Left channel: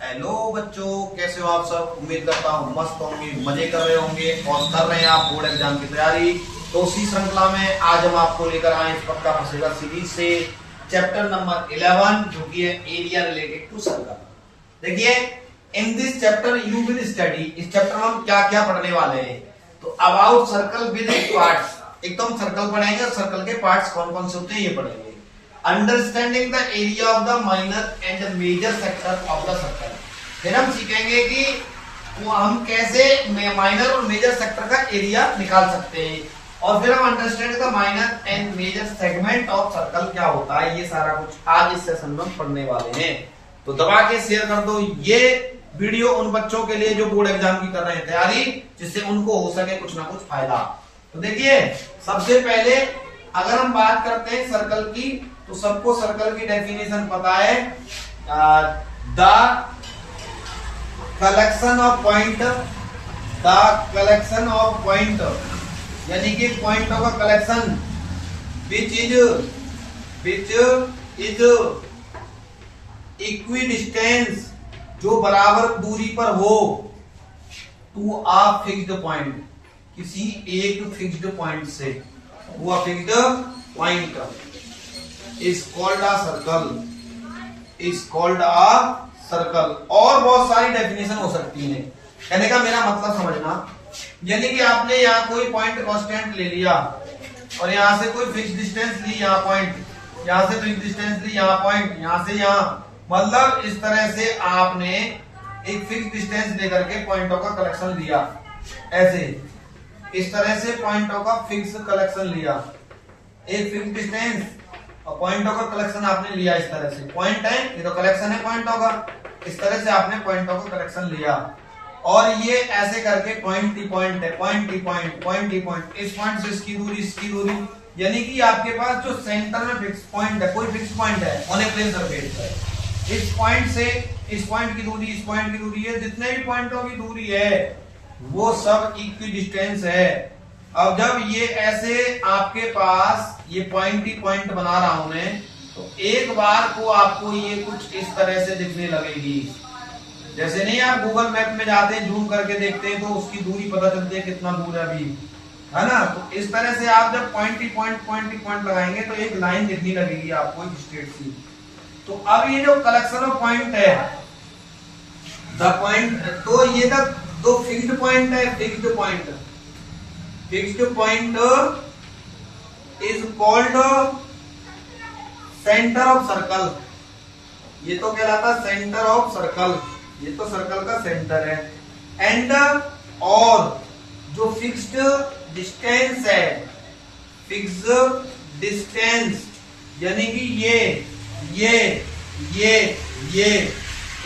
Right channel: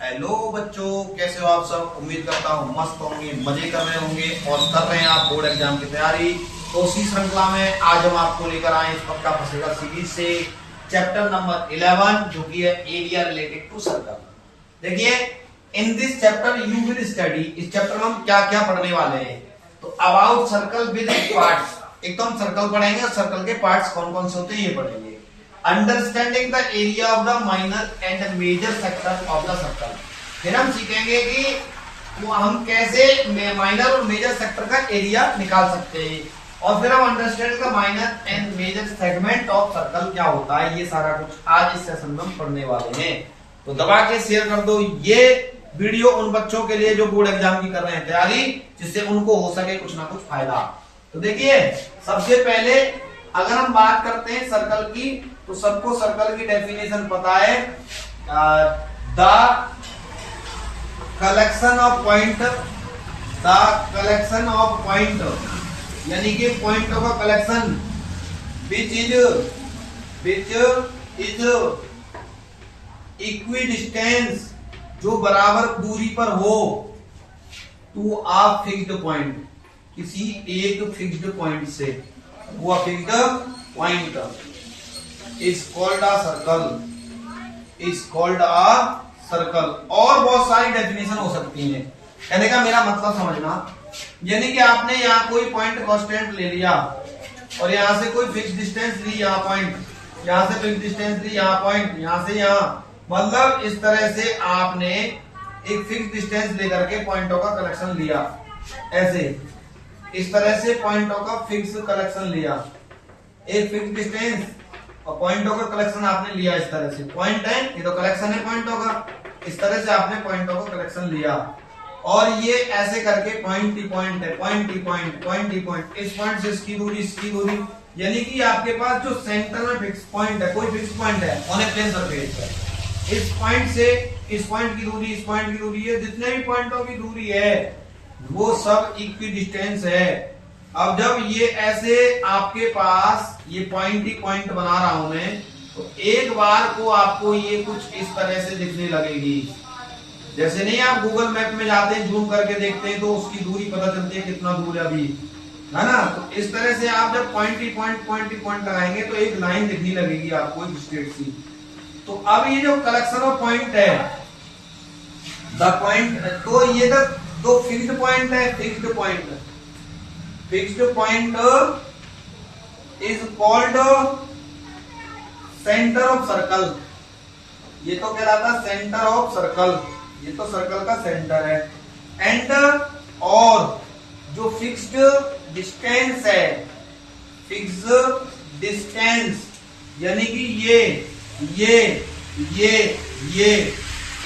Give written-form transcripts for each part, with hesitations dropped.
Hello बच्चों, कैसे हो आप सब। उम्मीद करता हूँ मस्त होंगे, मजे कर रहे होंगे और कर रहे हैं आप बोर्ड एग्जाम की तैयारी। तो उसी श्रृंखला में आज हम आपको लेकर आए इस पक्का फंसेगा सीरीज से चैप्टर नंबर 11 जो कि है एरिया रिलेटेड टू सर्कल। देखिए, in this chapter you will study, इस चैप्टर में हम क्या क्या पढ़ने वाले हैं। तो अबाउट सर्कल विद पार्ट्स, एक तो हम सर्कल पढ़ेंगे और सर्कल के पार्ट्स कौन कौन से होते हैं ये पढ़ेंगे। Understanding the area of the minor and major sector of the circle, फिर हम सीखेंगे कि वो हम कैसे माइनर और मेजर सेक्टर का एरिया निकाल सकते हैं। और फिर हम understand the minor and major segment of circle क्या होता है, ये सारा कुछ आज इस सेशन में हम पढ़ने वाले हैं। तो दबा के शेयर कर दो ये वीडियो उन बच्चों के लिए जो बोर्ड एग्जाम की कर रहे हैं तैयारी, जिससे उनको हो सके कुछ ना कुछ फायदा। तो देखिए, सबसे पहले अगर हम बात करते हैं सर्कल की, तो सबको सर्कल की डेफिनेशन पता है, the collection of point, the collection of point यानी कि पॉइंटों का कलेक्शन विच इज इक्विडिस्टेंस, जो बराबर दूरी पर हो, टू अ फिक्स्ड पॉइंट, किसी एक फिक्स्ड पॉइंट से, वो fixed point is called a circle, is called a circle. और बहुत सारी डेफिनेशन हो सकती है। कहने का मेरा मतलब समझना, यानी कि आपने यहाँ कोई पॉइंट कांस्टेंट ले लिया और यहाँ से कोई फिक्स डिस्टेंस ली, यहाँ पॉइंट, यहाँ से फिक्स डिस्टेंस ली, यहाँ पॉइंट, यहाँ से यहाँ, मतलब इस तरह से आपने एक फिक्स डिस्टेंस लेकर के पॉइंटों का कलेक्शन लिया, ऐसे इस तरह से पॉइंटों का फिक्स कलेक्शन लिया, एक फिक्स डिस्टेंस और पॉइंटों का कलेक्शन आपने लिया। इस तरह से पॉइंट है, ये तो कलेक्शन है पॉइंटों का, इस तरह से आपने पॉइंटों का कलेक्शन लिया और ये ऐसे करके पॉइंट ही पॉइंट है, पॉइंट ही पॉइंट, पॉइंट ही पॉइंट, इस पॉइंट से इसकी दूरी, इसकी दूरी, यानी कि आपके पास जो सेंटर में फिक्स पॉइंट है, कोई फिक्स पॉइंट है ऑन ए प्लेन सरफेस पर, इस पॉइंट से इस पॉइंट की दूरी, इस पॉइंट की दूरी है, जितने भी पॉइंटों की दूरी है वो सब इक्वी डिस्टेंस है। अब जब ये ऐसे आपके पास ये पॉइंट ही पॉइंट बना रहा हूं मैं, तो एक बार को आपको ये कुछ इस तरह से दिखने लगेगी। जैसे नहीं आप गूगल मैप में जाते हैं, जूम करके देखते हैं तो उसकी दूरी पता चलती है कितना दूर है अभी, है ना। तो इस तरह से आप जब पॉइंट ही पॉइंट लगाएंगे तो एक लाइन दिखने लगेगी आपको एक स्ट्रेट सी। तो अब ये जो कलेक्शन ऑफ पॉइंट है, द पॉइंट, तो ये दो फिक्स्ड पॉइंट है, fixed point, fixed point is called centre of circle, ये तो कहलाता सेंटर ऑफ सर्कल, ये तो सर्कल का सेंटर है। एंड और जो फिक्स्ड डिस्टेंस है, फिक्स्ड डिस्टेंस यानी कि ये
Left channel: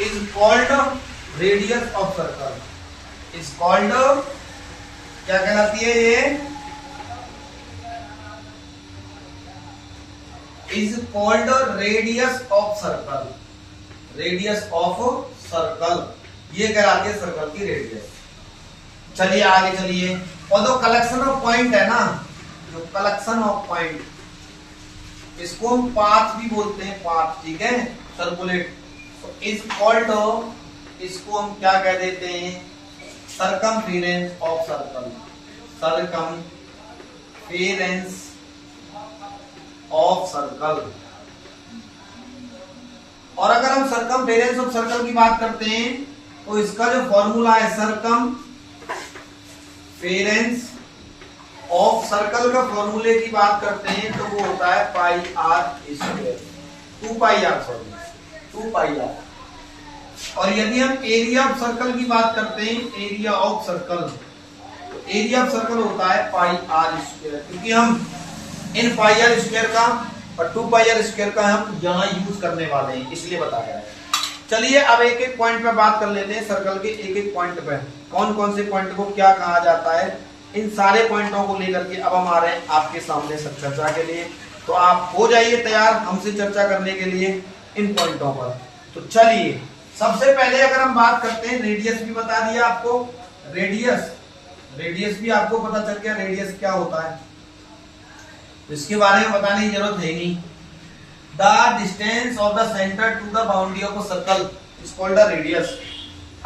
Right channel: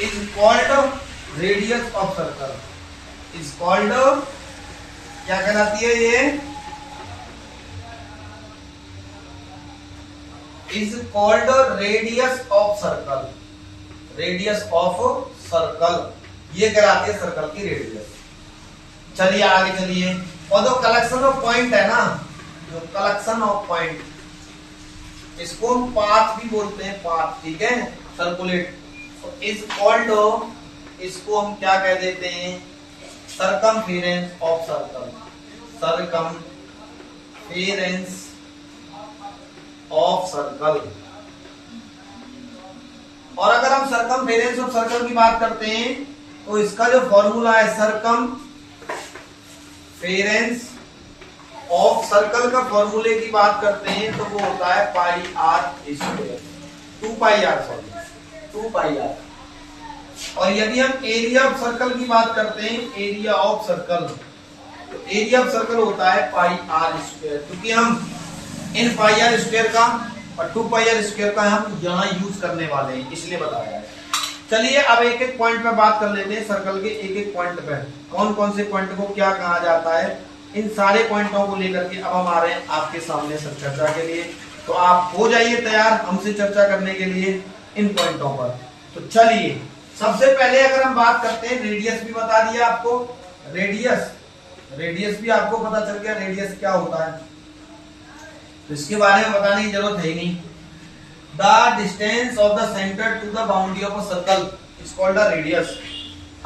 is called radius of circle, is called, क्या कहलाती है ये, is called radius of circle, radius of circle, ये कहलाती है सर्कल की रेडियस। चलिए आगे चलिए। और जो कलेक्शन ऑफ पॉइंट है ना, जो कलेक्शन ऑफ पॉइंट, इसको हम पाथ भी बोलते हैं, पाथ, ठीक है, सर्कुलेट, इज कॉल्ड, इसको हम क्या कह देते हैं, circumference of circle, circumference of circle. और अगर हम सर्कमफेरेंस ऑफ सर्कल की बात करते हैं तो इसका जो फॉर्मूला है, सर्कमफेरेंस ऑफ सर्कल का फॉर्मूले की बात करते हैं तो वो होता है pi R square, 2 pi R, sorry 2 pi R. और यदि हम एरिया ऑफ सर्कल की बात करते हैं, एरिया ऑफ सर्कल, तो एरिया ऑफ सर्कल होता है पाई आर स्क्वायर, क्योंकि हम इन पाई आर स्क्वायर का और 2 पाई आर स्क्वायर का हम यहाँ यूज करने वाले हैं, इसलिए बताया है। चलिए अब एक एक पॉइंट पे बात कर लेते हैं, सर्कल के एक एक पॉइंट पे कौन कौन से पॉइंट को क्या कहा जाता है, इन सारे पॉइंटों को लेकर के अब हम आ रहे हैं आपके सामने सब चर्चा के लिए। तो आप हो जाइए तैयार हमसे चर्चा करने के लिए इन पॉइंटों पर। तो चलिए, सबसे पहले अगर हम बात करते हैं, रेडियस भी बता दिया आपको, रेडियस भी आपको पता चल गया, रेडियस क्या होता है, तो इसके बारे में बताने की जरूरत है ही नहीं। The distance of the centre to the boundary of a circle is called the radius.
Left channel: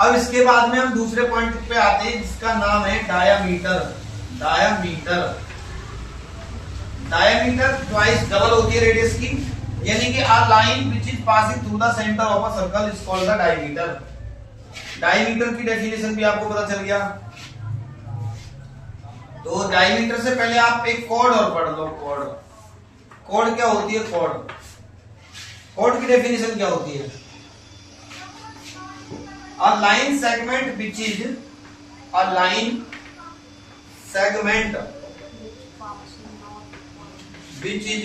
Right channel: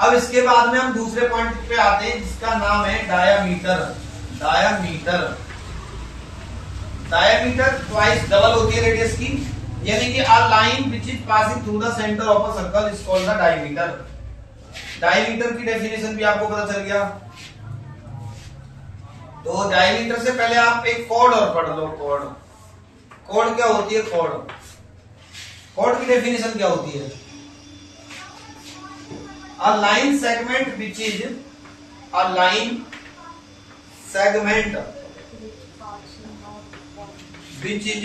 अब इसके बाद में हम दूसरे पॉइंट पे आते हैं जिसका नाम है diameter. Diameter diameter twice double होती है रेडियस की, यानी कि a line which is passing through the centre of a circle is called the diameter. Diameter की डेफिनेशन भी आपको पता चल गया। तो डायमीटर से पहले आप एक कॉर्ड और पढ़ लो। कॉर्ड क्या होती है? कॉर्ड की डेफिनेशन क्या होती है? a line segment which is a line segment which is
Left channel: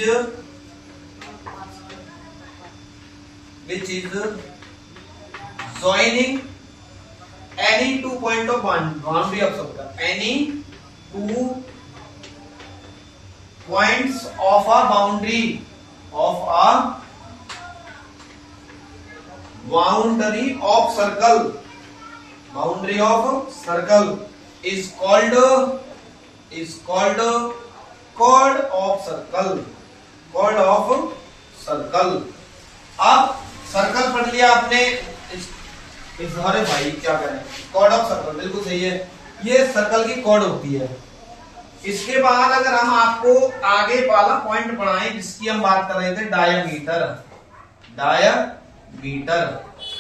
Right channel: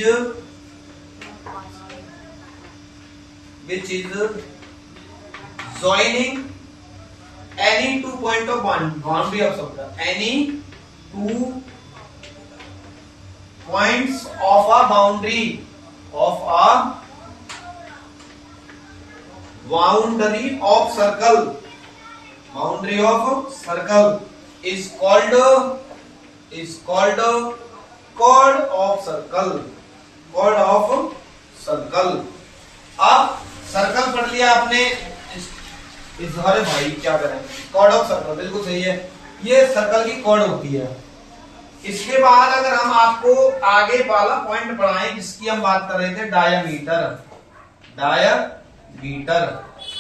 joining any 2 point of boundary of circle, any 2 points of a boundary of circle is called chord of circle। अब circle पढ़ लिया आपने, इस अरे भाई क्या करें, कॉर्ड ऑफ सर्कल बिल्कुल सही है, ये सर्कल की कॉर्ड होती है। इसके बाद अगर हम आपको आगे वाला पॉइंट पढ़ाएं जिसकी हम बात कर रहे थे, डायामीटर।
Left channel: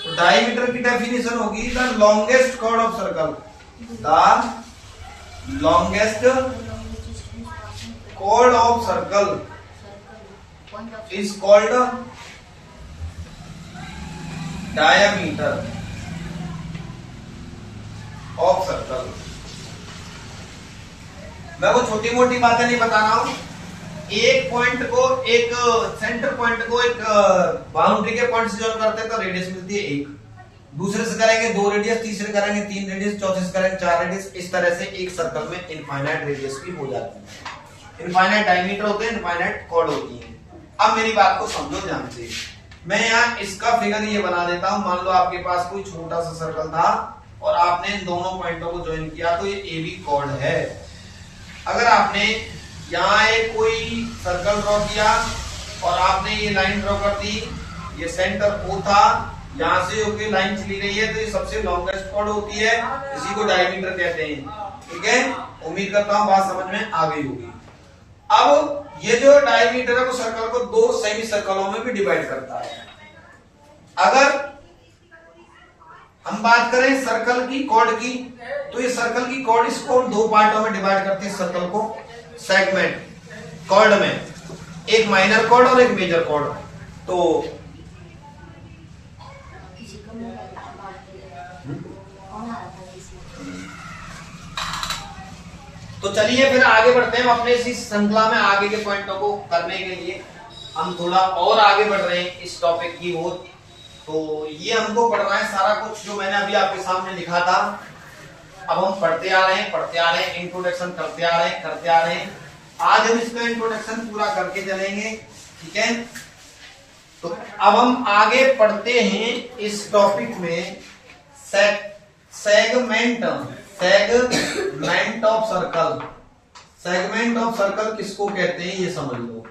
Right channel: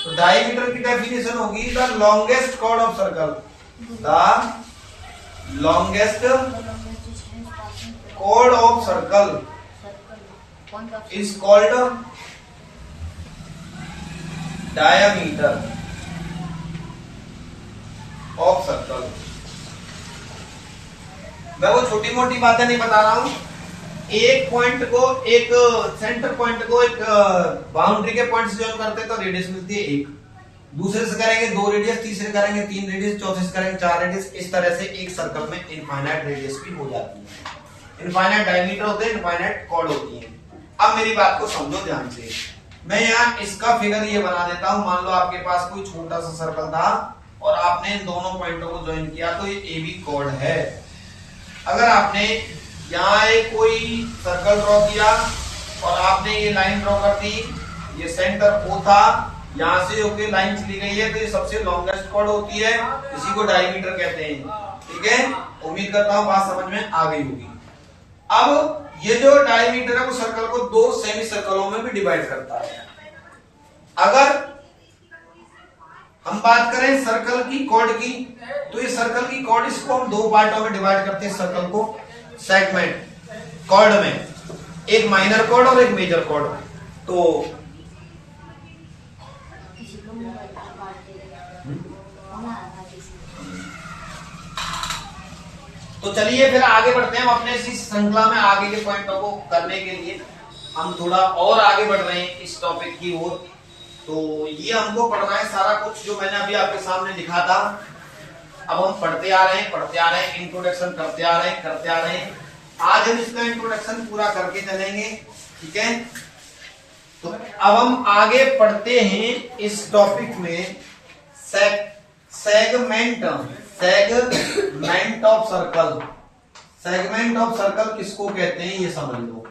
तो डायमीटर की डेफिनेशन होगी the longest chord of circle. The longest chord of circle is called diameter of circle. मैं वो छोटी मोटी बातें नहीं बता रहा हूं, एक पॉइंट को, एक सेंटर पॉइंट को एक बाउंड्री के पॉइंट से जॉइन करते हैं तो रेडियस मिलती है 1, दूसरे से करेंगे 2 रेडियस, तीसरे करेंगे 3 रेडियस, चौथे से करेंगे 4 रेडियस। इस तरह से एक सर्कल में इनफाइनाइट रेडियस भी हो जाती है। इनफाइनाइट डायमीटर होते हैं, इनफाइनाइट कॉर्ड होती है। अब मेरी बात को समझो ध्यान से, मैं यहाँ इसका फिगर ये बना देता हूं। मान लो आपके पास कोई छोटा सा सर्कल था और आपने इन दोनों पॉइंटों को ज्वाइन किया तो ये ए बी कॉर्ड है। अगर आपने यहाँ एक कोई सर्कल ड्रॉ किया और आपने ये लाइन ड्रॉ कर दी, ये सेंटर ओ था, यहाँ से होके लाइन चली गई है, तो ये सबसे लॉन्गेस्ट कॉर्ड होती है, इसी को डायमीटर कहते हैं। ठीक है, उम्मीद करता हूँ बात समझ में आ गई होगी। अब ये जो डायमीटर है वो सर्कल को 2 सेमी सर्कलों में भी डिवाइड करता है। अगर हम बात करें सर्कल की कॉर्ड की, तो ये सर्कल की कॉर्ड, इसको हम 2 पार्टों में डिवाइड करते हैं सर्कल को, सेगमेंट कॉर्ड में, एक माइनर कॉर्ड और एक मेजर कॉर्ड। तो चलिए फिर आगे बढ़ते हैं। हम अपने इस श्रृंखला में आगे के पॉइंटों को करने के लिए हम थोड़ा और आगे बढ़ रहे हैं इस टॉपिक की ओर। तो ये हमको पढ़ना है सारा कुछ जो मैंने अभी आपके सामने लिखा था। अब हम पढ़ते आ रहे हैं, इंट्रोडक्शन करते आ रहे हैं। आज हम इसका इंट्रोडक्शन पूरा करके चलेंगे, ठीक है। तो अब हम आगे पढ़ते हैं इस टॉपिक में, segment of circle. Segment of circle किसको कहते हैं ये समझ लो।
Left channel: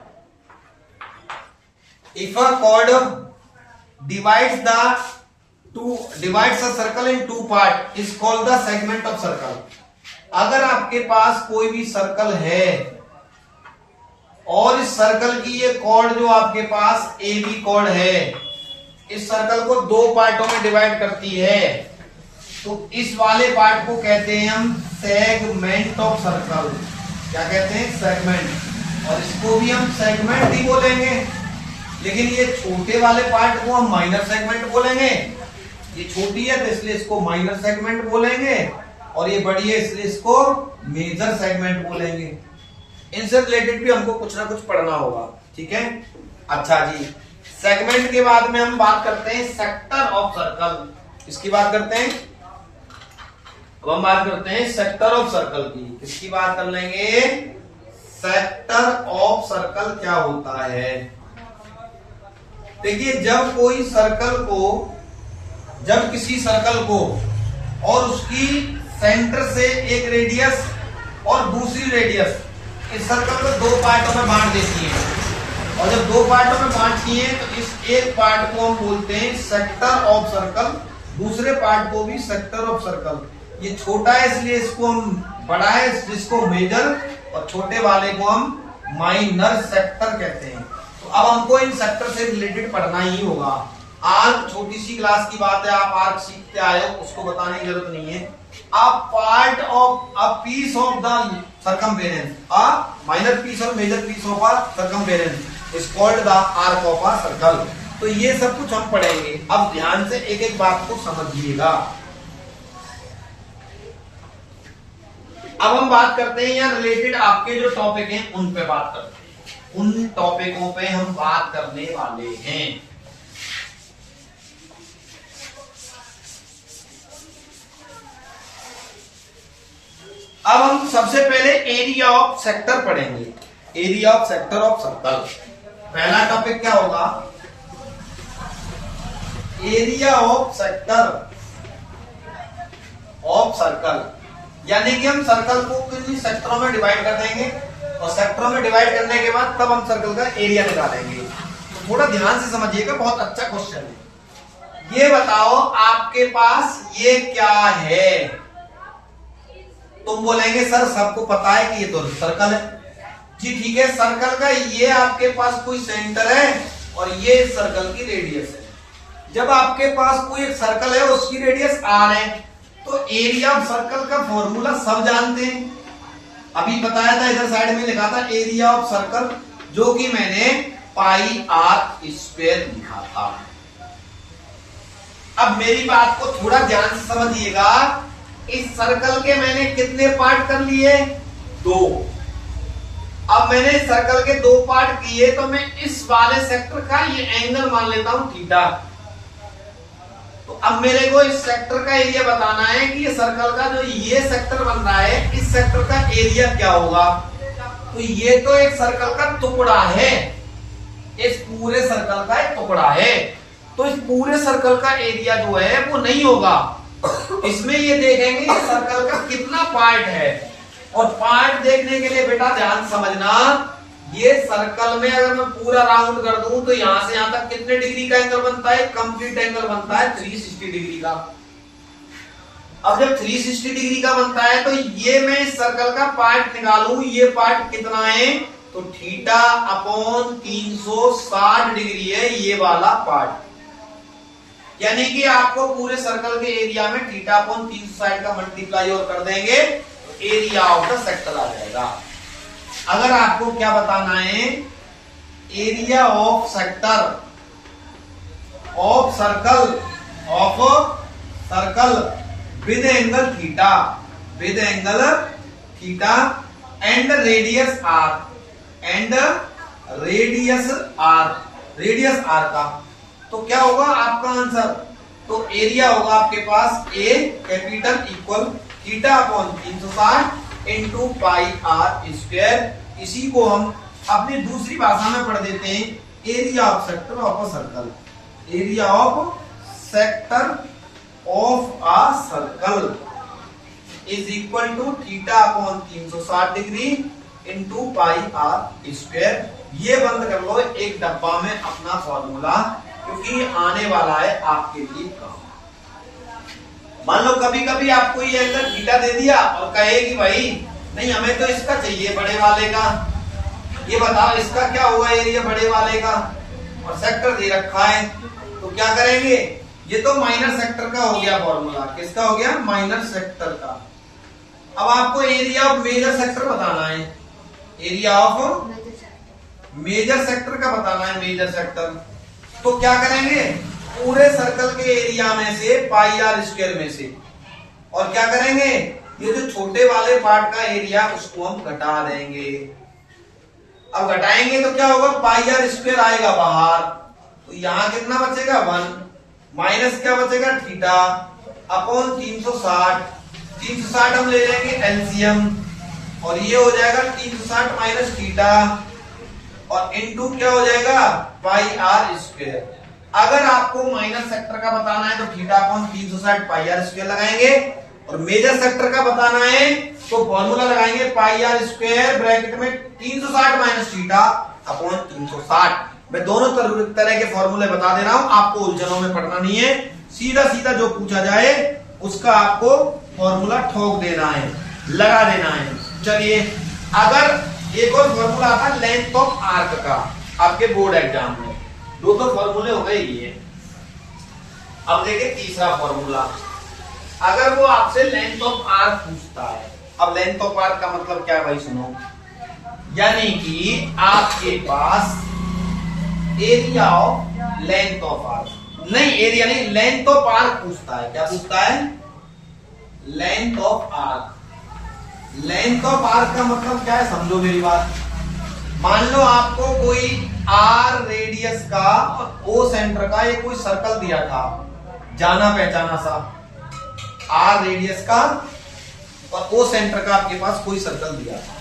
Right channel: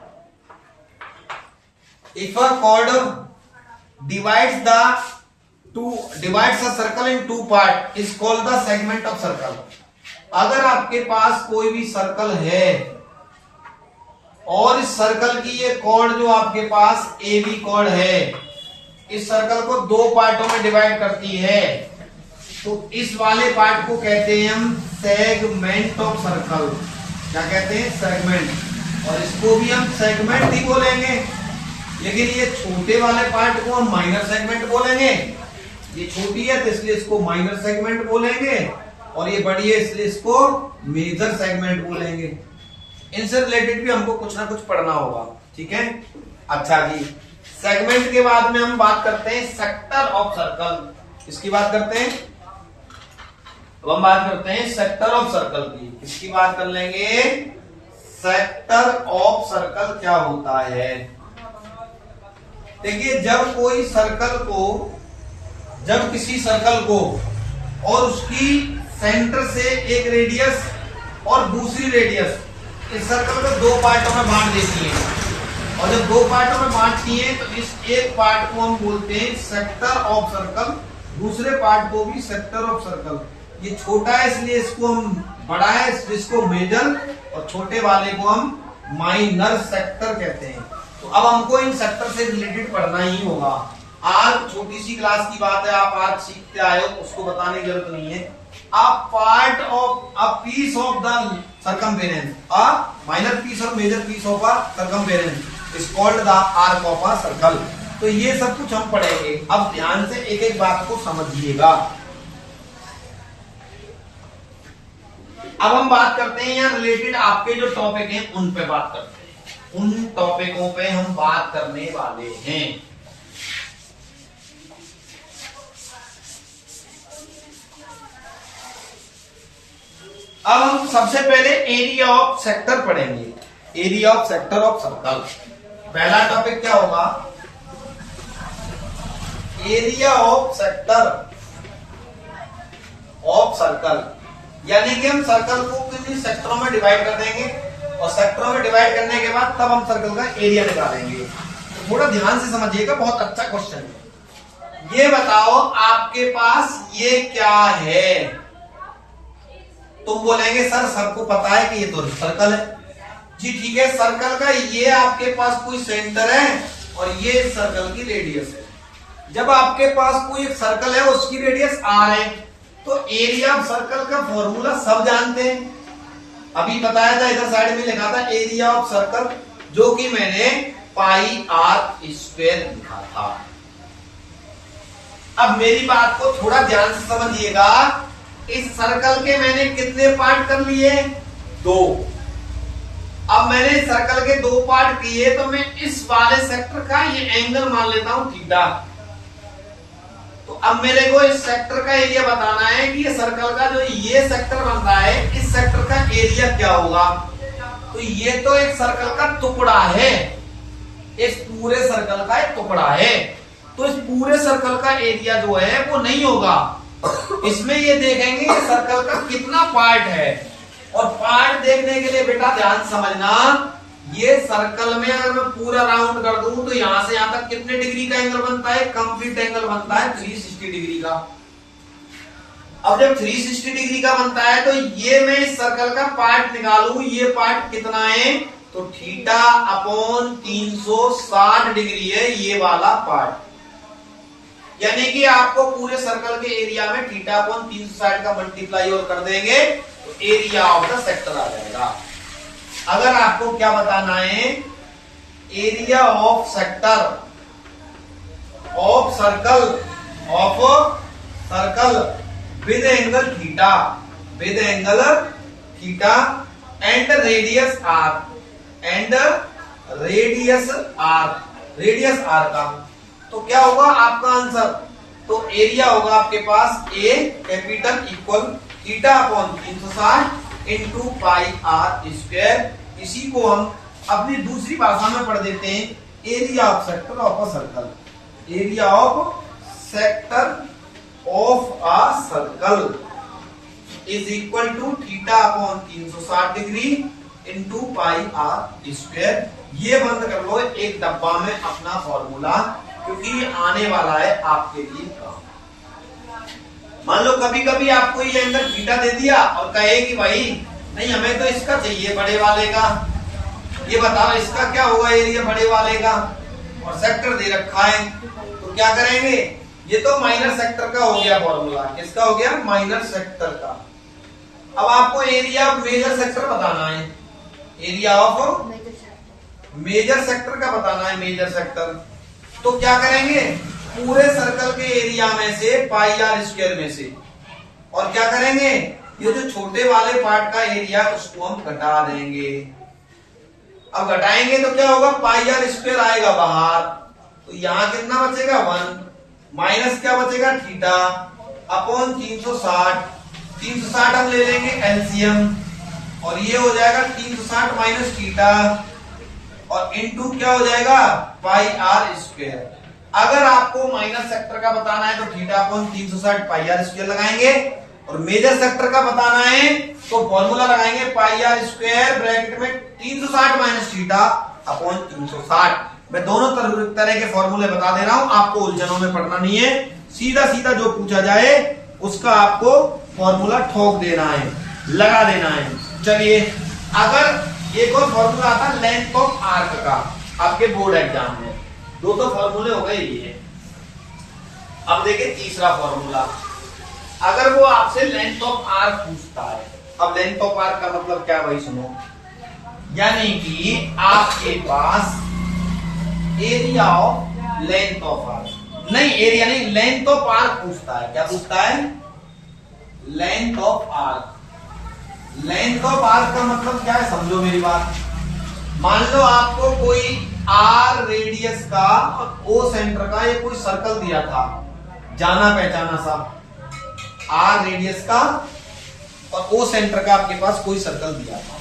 If a chord divides a circle in 2 part is called the segment of circle। अगर आपके पास कोई भी सर्कल है और इस सर्कल की ये कॉर्ड जो आपके पास ए बी कॉर्ड है, इस सर्कल को 2 पार्टों में डिवाइड करती है, तो इस वाले पार्ट को कहते हैं हम सेगमेंट ऑफ सर्कल। क्या कहते हैं? सेगमेंट। और इसको भी हम सेगमेंट ही बोलेंगे, लेकिन ये छोटे वाले पार्ट को हम माइनर सेगमेंट बोलेंगे। ये छोटी है तो इसलिए इसको माइनर सेगमेंट बोलेंगे, और ये बड़ी है इसलिए इसको मेजर सेगमेंट बोलेंगे। इनसे रिलेटेड भी हमको कुछ ना कुछ पढ़ना होगा, ठीक है। अच्छा जी, सेगमेंट के बाद में हम बात करते हैं सेक्टर ऑफ सर्कल। किसकी बात करते हैं? अब हम बात करते हैं सेक्टर ऑफ सर्कल की। किसकी बात कर लेंगे? सेक्टर ऑफ सर्कल क्या होता है? देखिए, जब किसी सर्कल को और उसकी सेंटर से एक रेडियस और दूसरी रेडियस इस सर्कल को 2 पार्टों में बांट देती है, और जब दो पार्टों में बांट दिए तो इस एक पार्ट को हम बोलते हैं सेक्टर ऑफ सर्कल, दूसरे पार्ट को भी सेक्टर ऑफ सर्कल। ये छोटा है इसलिए इसको हम बड़ा है जिसको मेजर, और छोटे वाले को हम माइनर सेक्टर कहते हैं। तो अब हमको इन सेक्टर से रिलेटेड पढ़ना ही होगा। आर्क छोटी सी क्लास की बात है, आप आर्क सीखते आए हो, उसको बताने की जरूरत नहीं है। A part of a piece of the circumference, a minor piece और major piece of a circumference is called the arc of a circle. तो ये सब कुछ हम पढ़ेंगे। अब ध्यान से एक एक बात को समझिएगा। अब हम बात करते हैं या रिलेटेड आपके जो टॉपिक हैं उन पे बात करते हैं, उन टॉपिकों पे हम बात करने वाले हैं। अब हम सबसे पहले एरिया ऑफ सेक्टर पढ़ेंगे, area of sector of circle. पहला टॉपिक क्या होगा? Area of sector of circle, यानी कि हम सर्कल को कितने सेक्टरों में डिवाइड कर देंगे और सेक्टरों में डिवाइड करने के बाद तब हम सर्कल का एरिया निकालेंगे। तो थोड़ा ध्यान से समझिएगा, बहुत अच्छा क्वेश्चन है। ये बताओ आपके पास ये क्या है? तुम बोलेंगे सर सबको पता है कि ये तो सर्कल है। जी ठीक है, सर्कल का ये आपके पास कोई सेंटर है और ये सर्कल की रेडियस है। जब आपके पास कोई एक सर्कल है उसकी रेडियस आर है तो एरिया ऑफ सर्कल का फॉर्मूला सब जानते हैं। अभी बताया था, इधर साइड में लिखा था एरिया ऑफ सर्कल, जो कि मैंने पाई आर स्क्वायर लिखा था। अब मेरी बात को थोड़ा ध्यान से समझिएगा। इस सर्कल के मैंने कितने पार्ट कर लिए? 2। अब मैंने इस सर्कल के 2 पार्ट किए तो मैं इस वाले सेक्टर का ये एंगल मान लेता हूं थीटा। तो अब मेरे को इस सेक्टर का एरिया बताना है कि ये सर्कल का जो ये सेक्टर बन रहा है, इस सेक्टर का एरिया क्या होगा। तो ये तो एक सर्कल का टुकड़ा है, इस पूरे सर्कल का एक टुकड़ा है, तो इस पूरे सर्कल का एरिया जो है वो नहीं होगा। इसमें ये देखेंगे कि सर्कल का कितना पार्ट है, और पार्ट देखने के लिए बेटा ध्यान समझना, ये सर्कल में अगर मैं पूरा राउंड कर दूं तो यहां से यहां तक कितने डिग्री का एंगल बनता है? कंप्लीट एंगल बनता है 360 डिग्री का। अब जब 360 डिग्री का बनता है तो ये मैं इस सर्कल का पार्ट निकालूं, ये पार्ट कितना है? तो थीटा अपॉन 360 डिग्री है ये वाला पार्ट। यानी कि आपको पूरे सर्कल के एरिया में थीटा अपॉन 360 का मल्टीप्लाई और कर देंगे तो एरिया ऑफ द सेक्टर आ जाएगा। अगर आपको क्या बताना है? Area of sector of circle with angle theta, with angle theta and radius R, and radius R का, तो क्या होगा आपका आंसर? तो एरिया होगा आपके पास A capital equal theta upon 360 into pi R square. इसी को हम अपनी दूसरी भाषा में पढ़ देते हैं, area of sector of a circle, area of sector of a circle is equal to theta upon 360 degree into pi R square. ये बंद कर लो एक डब्बा में अपना फॉर्मूला, क्योंकि आने वाला है आपके लिए काम। मान लो कभी कभी आपको ये एंगल थीटा दे दिया और कहे कि भाई नहीं हमें तो इसका चाहिए बड़े वाले का, ये बताओ इसका क्या होगा एरिया बड़े वाले का, और सेक्टर दे रखा है, तो क्या करेंगे? ये तो माइनर सेक्टर का हो गया फॉर्मूला। किसका हो गया? माइनर सेक्टर का। अब आपको एरिया ऑफ मेजर सेक्टर बताना है, एरिया ऑफ मेजर सेक्टर का बताना है, मेजर सेक्टर। तो क्या करेंगे? पूरे सर्कल के एरिया में से पाई आर स्क्वायर में से, और क्या करेंगे? ये जो छोटे वाले पार्ट का एरिया उसको हम घटा देंगे। अब घटाएंगे तो क्या होगा? पाई आर स्क्वायर आएगा बाहर, तो यहां कितना बचेगा? 1 माइनस क्या बचेगा? Theta upon 360। 360 हम ले लेंगे एलसीएम, और ये हो जाएगा 360 माइनस थीटा, और इनटू क्या हो जाएगा? Pi R square. अगर आपको माइनस सेक्टर का बताना है तो theta upon 360 pi R square लगाएंगे, और मेजर सेक्टर का बताना है तो फॉर्मूला लगाएंगे पाई आर स्क्वायर ब्रैकेट में 360 माइनस थीटा अपॉन 360। मैं दोनों तरह के फॉर्मूले बता दे रहा हूं, आपको उलझनों में पढ़ना नहीं है, सीधा सीधा जो पूछा जाए उसका आपको फॉर्मूला ठोक देना है, लगा देना है। चलिए, अगर एक और फॉर्मूला आता है लेंथ ऑफ आर्क का, आपके बोर्ड एग्जाम में दो तो फॉर्मूले हो गए ये। अब देखिए तीसरा फॉर्मूला, अगर वो आपसे लेंथ ऑफ आर्क पूछता है। अब लेंथ ऑफ आर्क का मतलब क्या भाई सुनो, यानी कि आपके पास area of length of arc, नहीं एरिया नहीं, लेंथ ऑफ आर्क पूछता है। क्या पूछता है? Length of arc. Length of arc का मतलब क्या है समझो मेरी बात। मान लो आपको कोई आर रेडियस का, ओ सेंटर का ये कोई सर्कल दिया था, जाना पहचाना सा, आर रेडियस का और ओ सेंटर का आपके पास कोई सर्कल दिया था।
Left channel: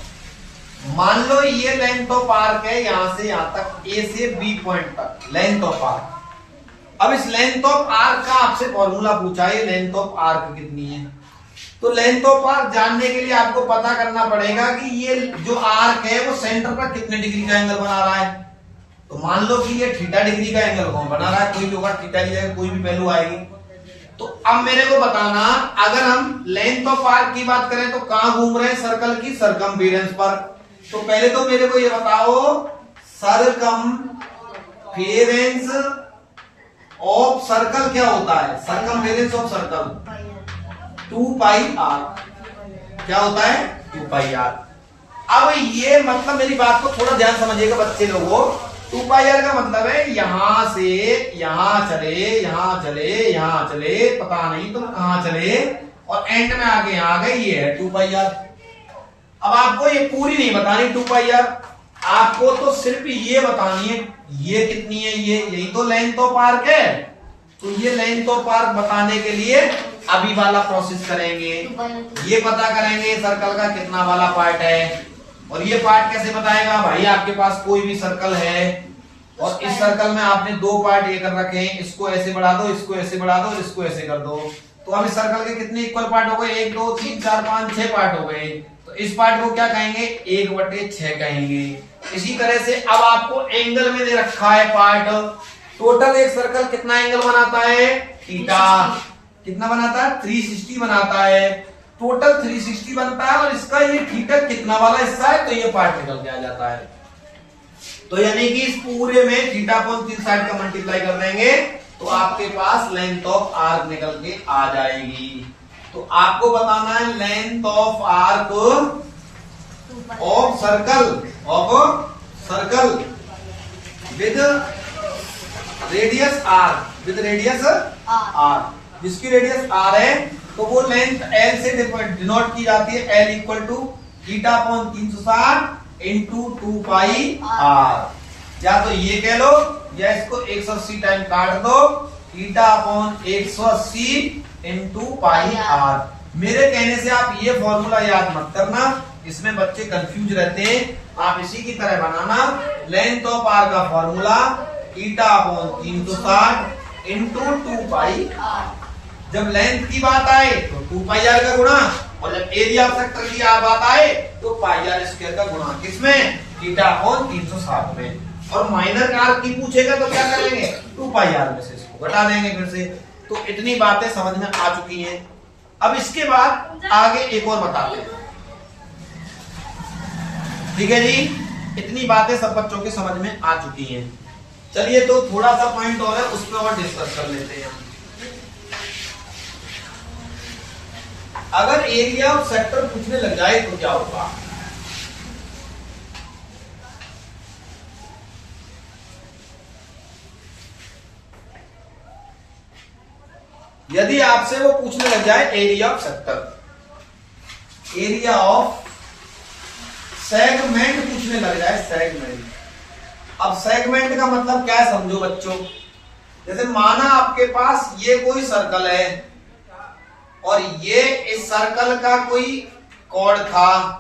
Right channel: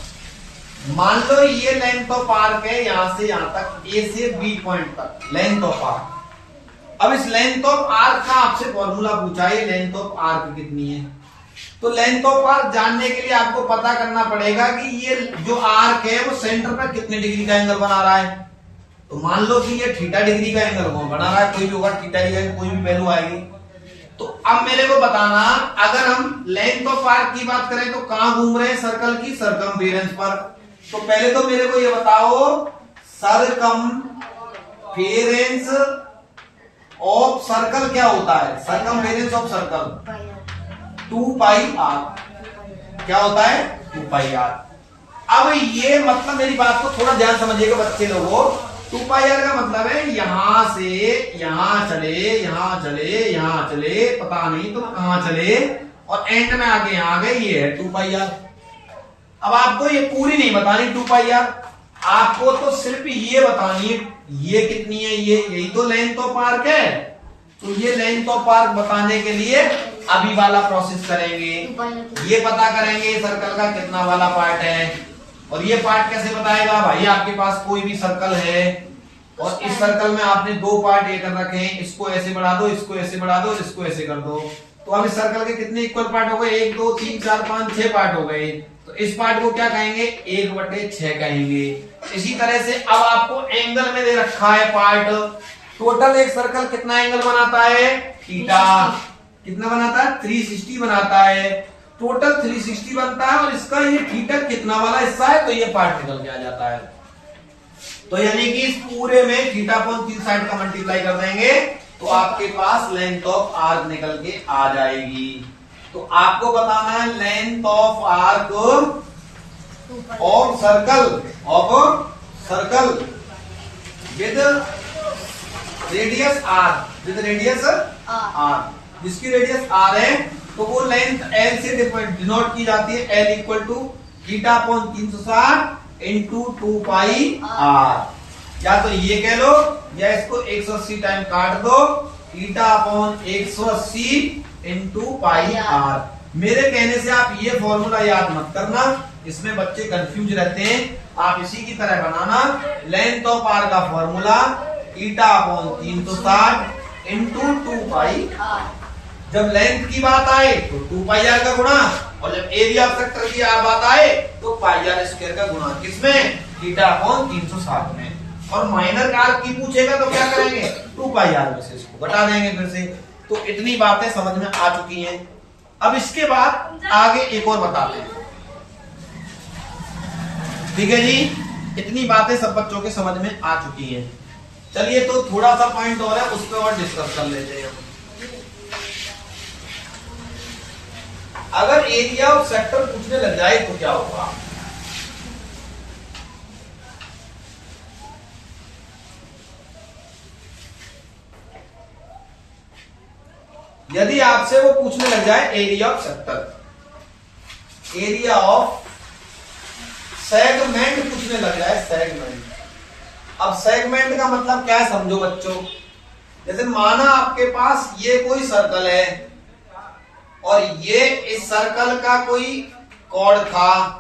मान लो ये लेंथ ऑफ आर्क है, यहां से यहां तक, ए से बी पॉइंट तक लेंथ ऑफ आर्क। अब इस लेंथ ऑफ आर्क का आपसे फॉर्मूला पूछा है, लेंथ ऑफ आर्क कितनी है। तो लेंथ ऑफ आर्क जानने के लिए आपको पता करना पड़ेगा कि ये जो आर्क है वो सेंटर का कितने डिग्री का एंगल बना रहा है। तो मान लो कि ये थीटा डिग्री का एंगल बना रहा है, कोई भी होगा थीटा की जगह कोई भी वैल्यू आएगी। तो अब मेरे को बताना, अगर हम लेंथ ऑफ आर्क की बात करें तो कहां घूम रहे हैं सर्कल की? सरकमफेरेंस पर। तो पहले तो मेरे को ये बताओ, सरकमफेरेंस ऑफ सर्कल क्या होता है? Circumference of circle 2 pi R. क्या होता है? 2 पाई आर। अब ये मतलब मेरी बात को थोड़ा ध्यान समझिएगा बच्चे लोगों, 2 पाई आर का मतलब है यहां से यहां चले, यहां चले, यहां चले, पता नहीं तो कहां चले, और एंड में आके यहां आ गए, ये है 2 पाई आर। अब आपको ये पूरी नहीं बतानी 2 पाई आर, आपको तो सिर्फ ये बतानी है ये कितनी है, ये यही तो लेंथ ऑफ आर्क है। तो ये लेंथ ऑफ आर्क बताने के लिए अभी वाला प्रोसेस करेंगे, ये पता करेंगे सर्कल का कितना वाला पार्ट है। और ये पार्ट कैसे बताएगा भाई? आपके पास कोई भी सर्कल है और इस सर्कल में आपने 2 पार्ट ये कर रखे हैं, इसको ऐसे बढ़ा दो, इसको ऐसे बढ़ा दो, इसको ऐसे कर दो। तो अब इस सर्कल के कितने इक्वल पार्ट हो गए? 1 2 3 4 5 6 पार्ट हो गए। तो इस पार्ट को क्या कहेंगे? 1/6 कहेंगे। इसी तरह से अब आपको एंगल में दे रखा है पार्ट, टोटल एक सर्कल कितना एंगल बनाता है? थीटा। कितना बनाता है? 360 बनाता है। टोटल 360 बनता है और इसका ये थीटा कितना वाला हिस्सा है, तो ये पार्ट निकल के आ जाता है। तो यानी कि इस पूरे में थीटा अपॉन 360 का मल्टीप्लाई कर देंगे तो आपके पास लेंथ ऑफ आर्क निकल के आ जाएगी। तो आपको बताना है length of arc of circle with radius R, with radius R, जिसकी रेडियस आर है तो वो लेंथ एल से डिनोट की जाती है। L equal to theta upon 360 into 2 pi R. या तो ये कह लो या इसको 180 टाइम काट दो, theta upon 180 into pi R. मेरे कहने से आप ये फॉर्मूला याद मत करना, इसमें बच्चे कंफ्यूज रहते हैं। आप इसी की तरह बनाना, लेंथ ऑफ आर का formula theta upon 360 into 2 pi R. जब लेंथ की बात आए तो 2 पाई आर का गुणा, और जब एरिया ऑफ सेक्टर की बात आए तो पाई आर स्क्वायर का गुणा। किसमें? थीटा अपॉन 360 में। और माइनर आर्क की पूछेगा तो क्या करेंगे? 2 पाई आर में से इसको घटा देंगे फिर से। तो इतनी बातें समझ में आ चुकी हैं। अब इसके बाद आगे एक और बताते हैं, ठीक है जी? इतनी बातें सब बच्चों के समझ में आ चुकी हैं। चलिए तो थोड़ा सा पॉइंट और है, उस पर और डिस्कस कर लेते हैं। अगर एरिया ऑफ सेक्टर पूछने लग जाए तो क्या होगा? यदि आपसे वो पूछने लग जाए area of sector, area of segment पूछने लग जाए, सेगमेंट। अब सेगमेंट का मतलब क्या है समझो बच्चों। जैसे माना आपके पास ये कोई सर्कल है और ये इस सर्कल का कोई कॉर्ड था,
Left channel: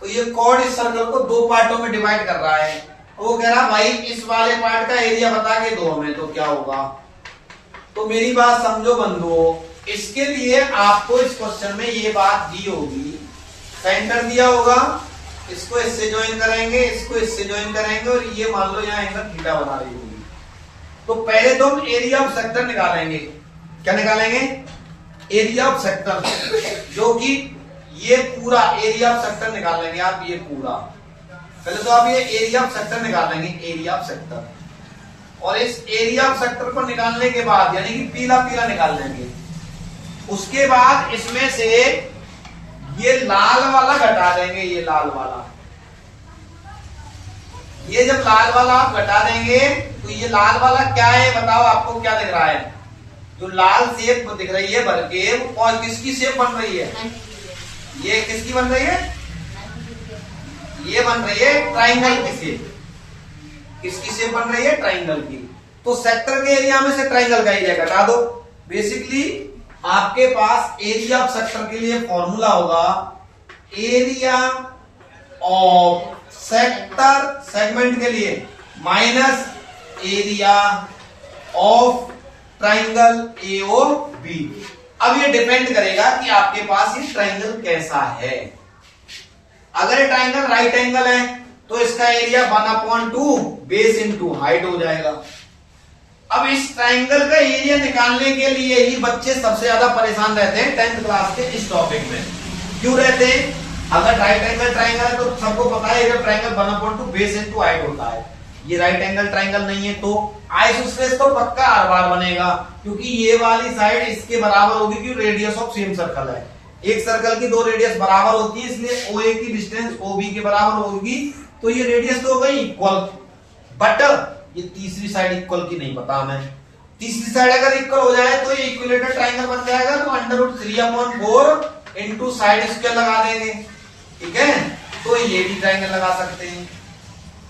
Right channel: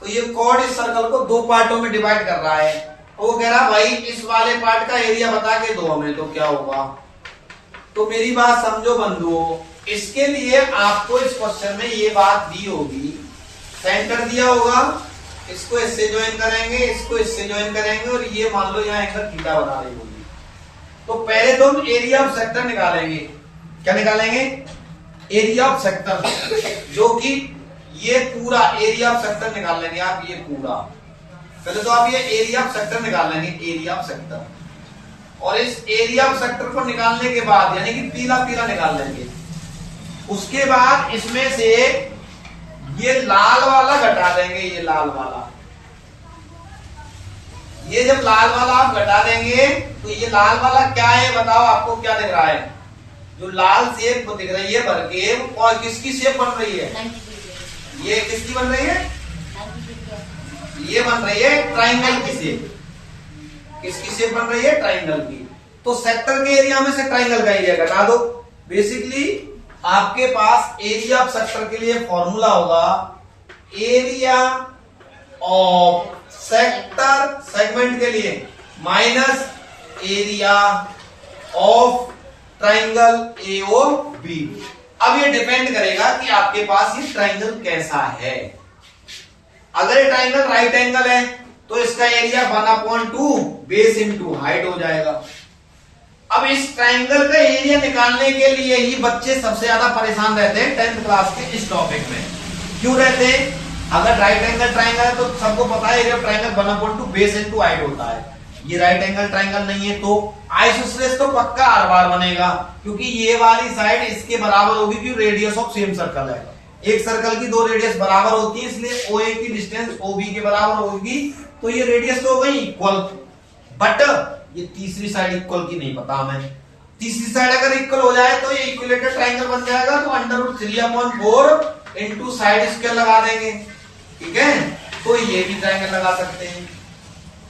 तो ये कॉर्ड इस सर्कल को 2 पार्टों में डिवाइड कर रहा है। तो वो कह रहा भाई इस वाले पार्ट का एरिया बता के दो हमें, तो क्या होगा? तो मेरी बात समझो बंधुओं, इसके लिए आपको इस क्वेश्चन में ये बात दी होगी, सेंटर दिया होगा इसको इससे ज्वाइन करेंगे, इसको इससे ज्वाइन करेंगे और ये मान लो यहाँ एंगल थीटा बना रही होगी। तो पहले तो हम एरिया ऑफ सेक्टर निकालेंगे। क्या निकालेंगे? एरिया ऑफ सेक्टर, जो कि ये पूरा एरिया ऑफ सेक्टर निकाल लेंगे आप, ये पूरा। पहले तो आप ये एरिया ऑफ सेक्टर निकालेंगे, एरिया ऑफ सेक्टर। और इस एरिया ऑफ सेक्टर को निकालने के बाद यानी कि पीला पीला निकाल लेंगे। उसके बाद इसमें से ये लाल वाला घटा देंगे, ये लाल वाला। ये जब लाल वाला आप घटा देंगे तो ये लाल वाला क्या है बताओ, आपको क्या दिख रहा है? जो लाल शेप दिख रही है बरकेव, और किसकी शेप बन रही है? ये किसकी बन रही है? ये बन रही है ट्राइंगल की शेप। किसकी शेप बन रही है? ट्राइंगल की। तो सेक्टर के एरिया में से ट्राइंगल का एरिया घटा दो। बेसिकली आपके पास एरिया ऑफ सेक्टर के लिए फॉर्मूला होगा एरिया ऑफ सेक्टर सेगमेंट के लिए minus area of triangle AOB। अब ये डिपेंड करेगा कि आपके पास ये ट्राइंगल कैसा है। अगर ये ट्राइंगल राइट एंगल है तो इसका एरिया 1/2 बेस इंटू हाइट हो जाएगा। अब इस ट्राइंगल का एरिया निकालने के लिए ही बच्चे सबसे ज्यादा परेशान रहते हैं 10th क्लास के इस टॉपिक में। क्यों रहते हैं? अगर राइट एंगल ट्राइंगल है तो सबको पता है area triangle 1/2 base into height होता है। ये राइट एंगल ट्राइंगल नहीं है तो आइसोसेलेस तो पक्का हर बार बनेगा, क्योंकि ये वाली साइड इसके बराबर होगी, क्योंकि रेडियस ऑफ सेम सर्कल है। एक सर्कल की दो रेडियस बराबर होती है, इसलिए OA की डिस्टेंस OB के बराबर होगी। तो ये रेडियस तो हो गई इक्वल, बट ये तीसरी साइड इक्वल की नहीं पता हमें। तीसरी साइड अगर इक्वल हो जाए तो ये इक्विलेटरल ट्राइंगल बन जाएगा। तो √3/4 इंटू साइड स्क्वायर लगा देंगे, ठीक है? तो ये भी ट्राइंगल लगा सकते हैं।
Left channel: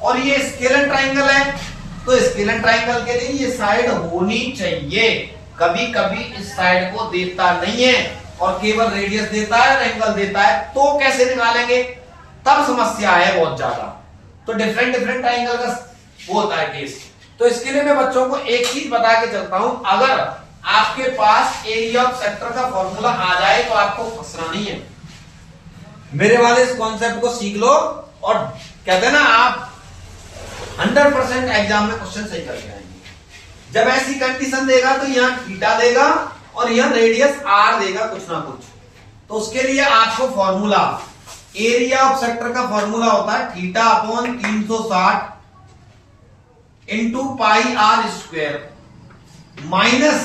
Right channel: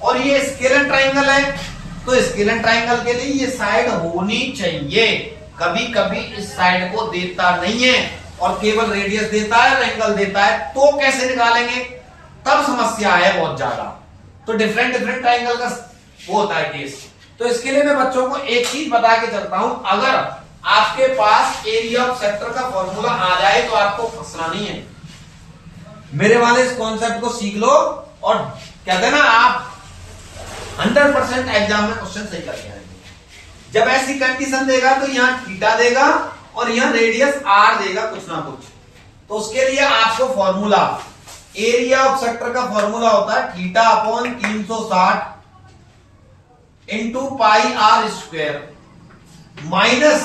और ये स्केलर ट्राइंगल है तो स्केलर ट्राइंगल के लिए ये साइड होनी चाहिए। कभी कभी इस साइड को देता नहीं है और केवल रेडियस देता है और एंगल देता है, तो कैसे निकालेंगे? तब समस्या है बहुत ज्यादा। तो डिफरेंट ट्राइंगल का वो होता है केस। तो इसके लिए मैं बच्चों को एक चीज बता के चलता हूं, अगर आपके पास एरिया ऑफ सेक्टर का फॉर्मूला आ जाए तो आपको फंसना नहीं है। मेरे वाले इस कॉन्सेप्ट को सीख लो और कहते हैं ना आप 100% एग्जाम में क्वेश्चन सही करके आएंगे। जब ऐसी कंडीशन देगा तो यहां थीटा देगा और यहां रेडियस R देगा कुछ ना कुछ। तो उसके लिए आपको फॉर्मूला एरिया ऑफ सेक्टर का फॉर्मूला होता है θ/360 इंटू πr² माइनस,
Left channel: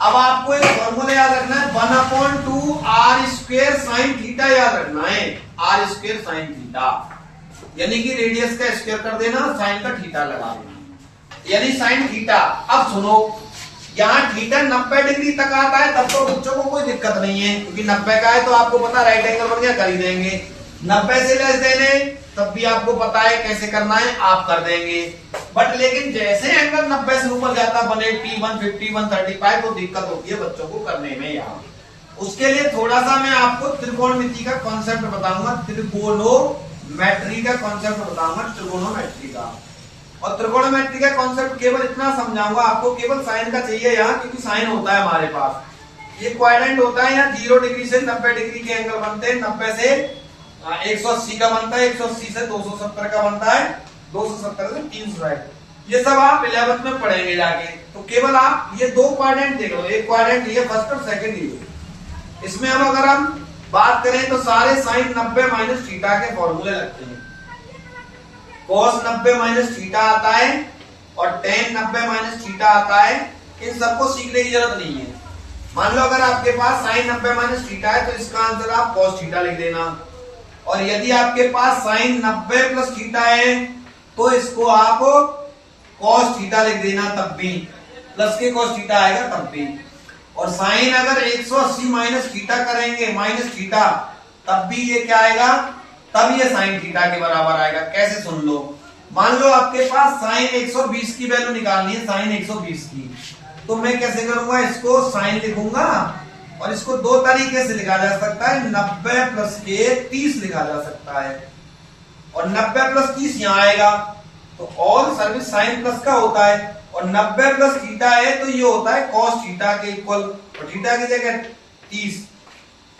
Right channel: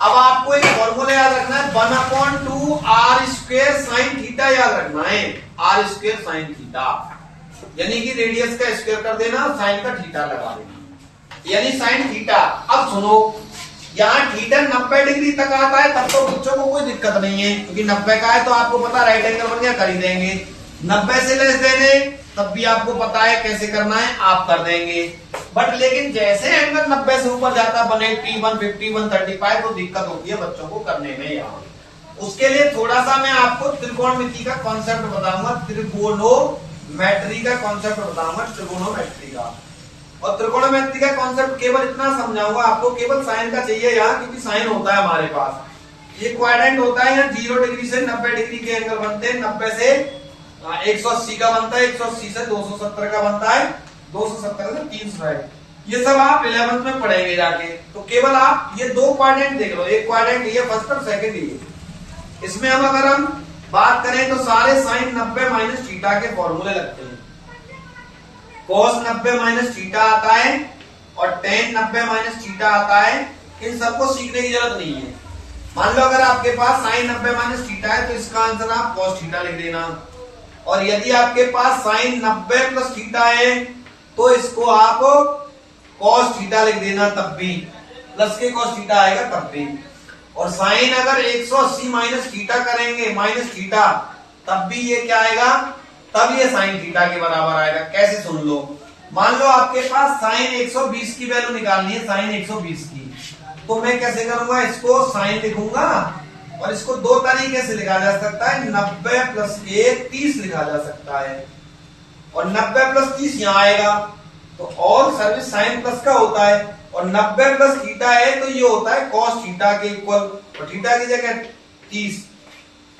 अब आपको एक फॉर्मूला याद रखना है 1/2 r² sin थीटा याद रखना है। r² sin थीटा यानी कि रेडियस का स्क्वायर कर देना, साइन का थीटा लगा देना, यानी साइन थीटा। अब सुनो, यहाँ थीटा 90 डिग्री तक आता है तब तो बच्चों को कोई दिक्कत नहीं है, क्योंकि 90 का है तो आपको पता राइट एंगल बन गया, कर ही देंगे। 90 से लेस देने तब भी आपको पता है कैसे करना है, आप कर देंगे। बट लेकिन जैसे एंगल 90 से ऊपर जाता है 180, 150, 135 तो दिक्कत होती है बच्चों को करने में। यहाँ उसके लिए थोड़ा सा मैं आपको त्रिकोणमिति का कॉन्सेप्ट बताऊंगा, त्रिकोणोमेट्री का कॉन्सेप्ट बताऊंगा, त्रिकोणोमेट्री का। और त्रिकोणोमेट्री का कॉन्सेप्ट केवल इतना समझाऊंगा आपको, केवल साइन का चाहिए यहाँ, क्योंकि साइन होता है हमारे पास। ये क्वाड्रेंट होता है, यहाँ 0 डिग्री से 90 डिग्री के एंगल बनते हैं। 90 से 180 का बनता है, 180 से 270 का बनता है, 270 से 360। ये सब आप 11th में पढ़ेंगे जाके। तो केवल आप ये दो क्वाड्रेंट देख लो, एक क्वाड्रेंट ये फर्स्ट और सेकंड ये। इसमें हम अगर हम बात करें तो सारे साइन 90 माइनस थीटा के फॉर्मूले लगते हैं। cos 90 माइनस थीटा आता है और tan 90 माइनस थीटा आता है। इन सबको सीखने की जरूरत नहीं है। मान लो अगर आपके पास sin 90 माइनस थीटा है तो इसका आंसर आप cos थीटा लिख देना, और यदि आपके पास sin 90 प्लस थीटा है तो इसको आप cos थीटा लिख देना, तब भी प्लस के cos थीटा आएगा तब भी। और साइन अगर 180 माइनस थीटा करेंगे माइनस थीटा, तब भी ये क्या आएगा, तब ये साइन थीटा के बराबर आएगा। कैसे सुन लो, मान लो आपके पास साइन 120 की वैल्यू निकालनी है, साइन 120 की, तो मैं कैसे करूंगा, इसको साइन लिखूंगा और इसको दो तरीके से लिखा जा सकता है, 90 प्लस 1 30 लिखा जा सकता है, और 90 प्लस 30 यहाँ आएगा। तो ऑल सर्विस साइन प्लस का होता है, और 90 प्लस थीटा है तो ये होता है cos थीटा के इक्वल, और थीटा की जगह 30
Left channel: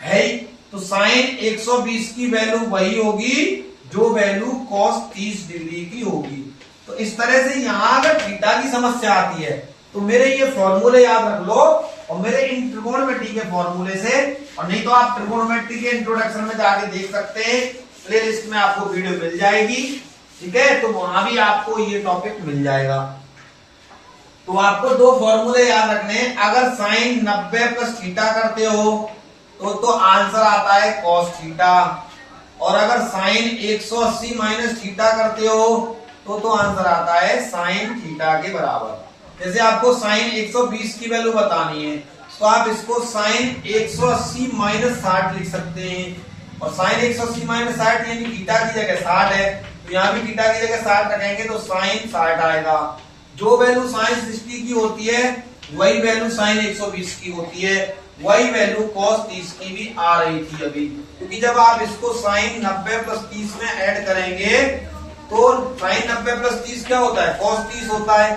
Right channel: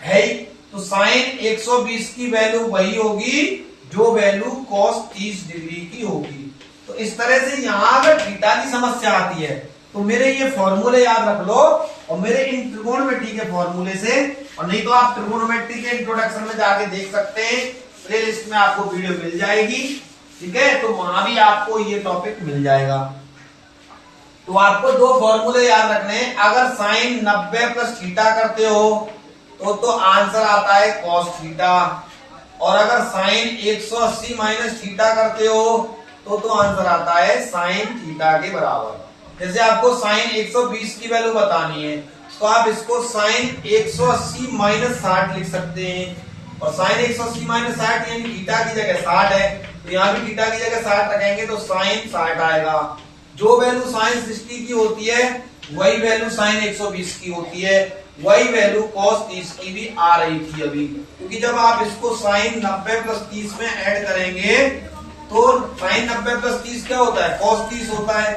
है ही, तो साइन 120 की वैल्यू वही होगी जो वैल्यू cos 30 डिग्री की होगी। तो इस तरह से यहां अगर थीटा की समस्या आती है तो मेरे ये फॉर्मूले याद रख लो और मेरे इन ट्रिगोनोमेट्री के फॉर्मूले से, और नहीं तो आप ट्रिगोनोमेट्री के इंट्रोडक्शन में जाके देख सकते हैं, प्लेलिस्ट में आपको वीडियो मिल जाएगी, ठीक है, तो वहां भी आपको ये टॉपिक मिल जाएगा। तो आपको दो फॉर्मूले याद रखने हैं। अगर साइन 90 प्लस थीटा करते हो तो आंसर आता है cos थीटा, और अगर साइन 180 माइनस थीटा करते हो तो आंसर आता है साइन थीटा के बराबर। जैसे आपको साइन 120 की वैल्यू बतानी है तो आप इसको साइन 180 माइनस 60 लिख सकते हैं, और साइन 180 माइनस 60 यानी थीटा की जगह 60 है तो यहाँ भी थीटा की जगह 60 रखेंगे तो साइन 60 आएगा। जो वैल्यू साइन 60 की होती है वही वैल्यू साइन 120 की होती है, वही वैल्यू cos 30 की भी आ रही थी अभी, क्योंकि जब आप इसको साइन 90 प्लस 30 में ऐड करेंगे तो साइन 90 प्लस 30 क्या होता है, cos 30 होता है।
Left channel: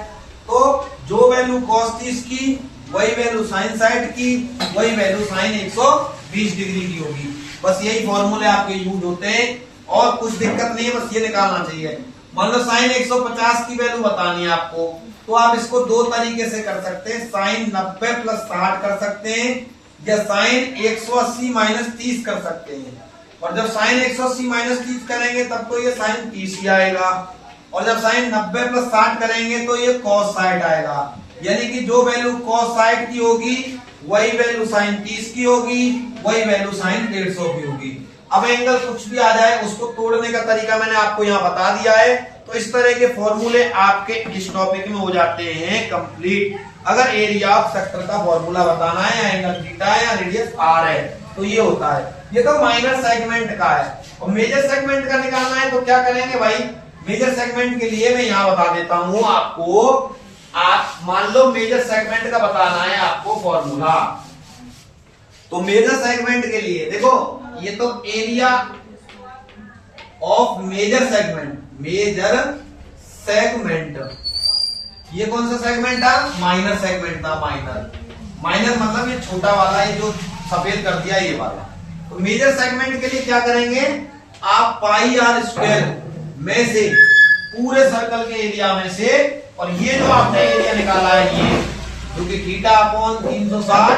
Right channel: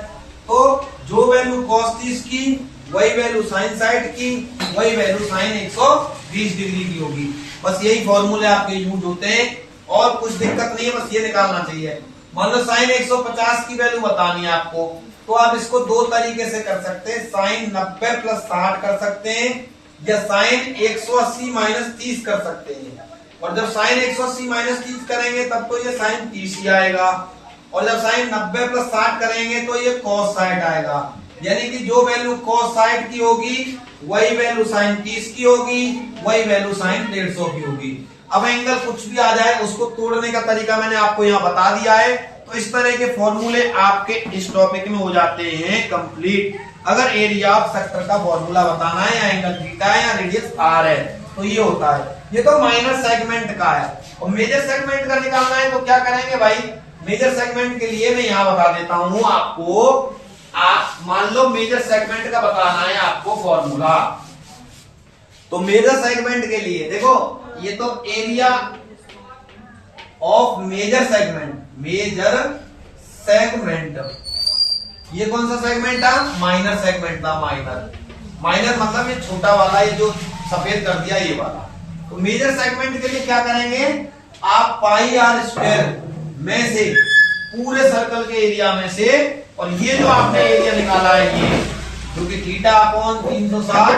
तो जो वैल्यू cos 30 की वही वैल्यू साइन 60 की, वही वैल्यू साइन 120 डिग्री की होगी। बस यही फॉर्मूले आपके यूज होते हैं और कुछ दिक्कत नहीं है, बस ये निकालना चाहिए। मान लो साइन 150 की वैल्यू बतानी है आपको तो आप इसको दो तरीके से कर सकते हैं, साइन 90 प्लस 60 कर सकते हैं या साइन 180 माइनस 30 कर सकते हैं। और जब साइन 180 माइनस 30 करेंगे तब तो ये साइन 30 ही आएगा, और जब साइन 90 प्लस 60 करेंगे तो ये cos 60 आएगा। यानी कि जो वैल्यू cos 60 की होगी वही वैल्यू साइन 30 की होगी, वही वैल्यू साइन 150 की होगी। अब एंगल कुछ भी आ जाए उसको तोड़ने का तरीका मैंने आपको यहाँ बता दिया है। तो इस तरह के फॉर्मूले आपके इस टॉपिक में हो जाते हैं कंप्लीट। अगर एरिया ऑफ सेक्टर का फॉर्मूला बताना है या एंगल थीटा है या रेडियस आर है तो ये होता है। ये तो माइनर सेगमेंट का है, और मेजर सेगमेंट का निकालना है तो क्या करेंगे भाई, मेजर सेगमेंट के लिए मैं यहाँ बता देता हूं आपको। आप मान लो मेजर सेगमेंट का बताना है आपको फॉर्मूला, तो मेजर सेगमेंट के लिए देखो ये तो area of major segment, major segment, ये कौन सा सेगमेंट था, माइनर सेगमेंट था। माइनर मतलब ये छोटा वाला, ये जो सफेद कर दिया ये वाला। तो मेजर सेगमेंट के लिए क्या करेंगे, आप पाई आर स्क्वायर में से पूरे सर्कल के एरिया में से, और ये जो आपने एरिया निकाला है ये जो कि theta upon 360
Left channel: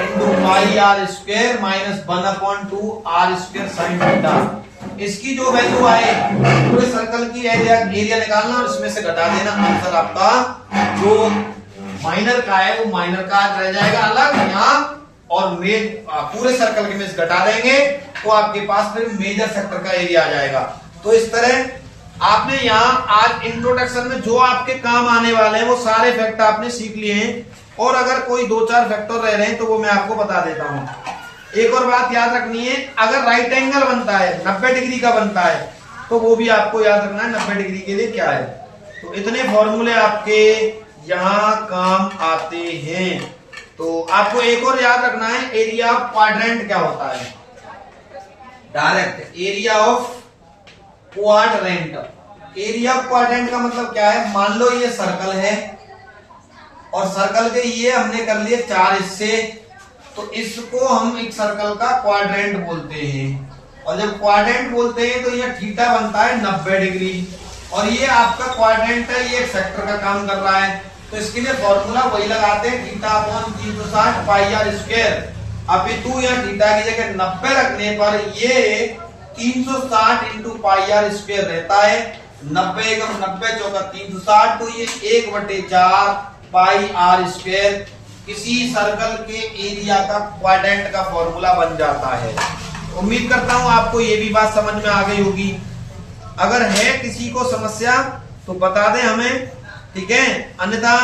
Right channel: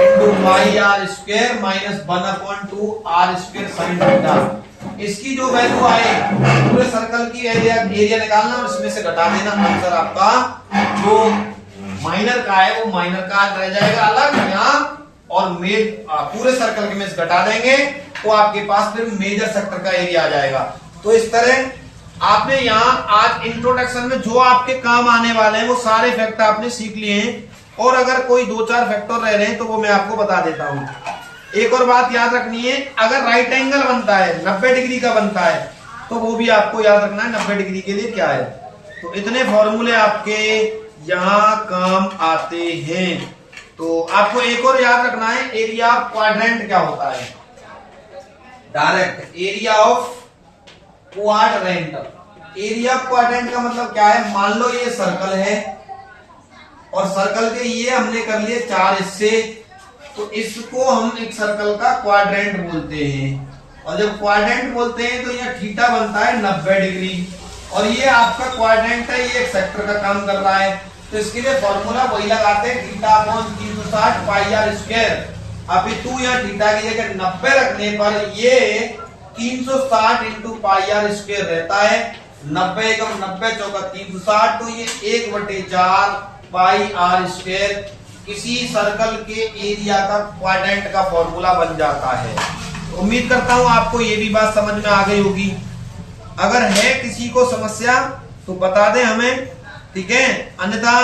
into pi R square minus 1/2 R square sine theta, इसकी जो वैल्यू आए पूरे सर्कल की एरिया निकालना और इसमें से घटा देना। आंसर आपका जो माइनर का है वो माइनर का रह जाएगा अलग यहाँ, और पूरे सर्कल के में से घटा देंगे तो आपके पास फिर मेजर सेक्टर का एरिया आ जाएगा। तो इस तरह आपने यहाँ आज इंट्रोडक्शन में जो आपके काम आने वाले हैं वो सारे फैक्ट आपने सीख लिए हैं, और अगर कोई 2-4 फैक्टर रह रहे हैं तो वो मैं आपको बता देता हूं। एक और बात याद रखनी है, अगर राइट एंगल बनता है 90 डिग्री का बनता है तो वो भी आपको याद रखना है 90 डिग्री के लिए क्या है। तो इतने फॉर्मूले आपके यहाँ काम आते हैं। तो आपको एक और याद रखना है, एरिया ऑफ क्वाड्रेंट क्या होता है, direct area of quadrant. Area of quadrant का मतलब क्या है, मान लो ये सर्कल है और सर्कल के ये हमने कर लिए 4 हिस्से, तो इसको हम एक सर्कल का क्वाड्रेंट बोलते हैं। और जब क्वाड्रेंट बोलते हैं तो ये थीटा बनता है 90 डिग्री, और ये आपका क्वाड्रेंट है, ये एक सेक्टर का काम कर रहा है। तो इसके लिए फॉर्मूला वही लगाते हैं, theta upon 360 pi R square. अब तू या थीटा की जगह 90 रखने पर ये 360 इंटू पाई आर स्क्वायर रहता है। 90 का 90 चौका 360, तो ये 1/4 पाई आर स्क्वायर किसी सर्कल के एरिया का क्वाड्रेंट का फॉर्मूला बन जाता है। उम्मीद करता हूं आपको ये भी बात समझ में आ गई होगी। अगर है किसी को समस्या तो बता दें हमें, ठीक है, अन्यथा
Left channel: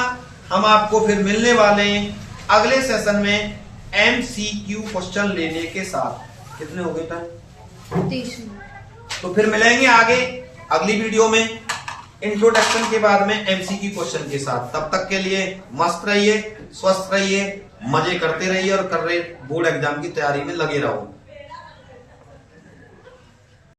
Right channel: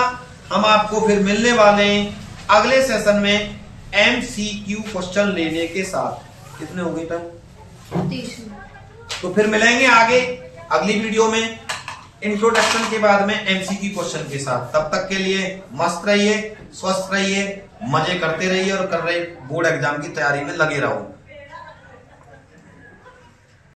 हम आपको फिर मिलने वाले हैं अगले सेशन में MCQ क्वेश्चन लेने के साथ। कितने हो गए टाइम, 30 मिनट। तो फिर मिलेंगे आगे अगली वीडियो में इंट्रोडक्शन के बाद में MCQ क्वेश्चन के साथ। तब तक के लिए मस्त रहिए, स्वस्थ रहिए, मजे करते रहिए और कर रहे बोर्ड एग्जाम की तैयारी में लगे रहो।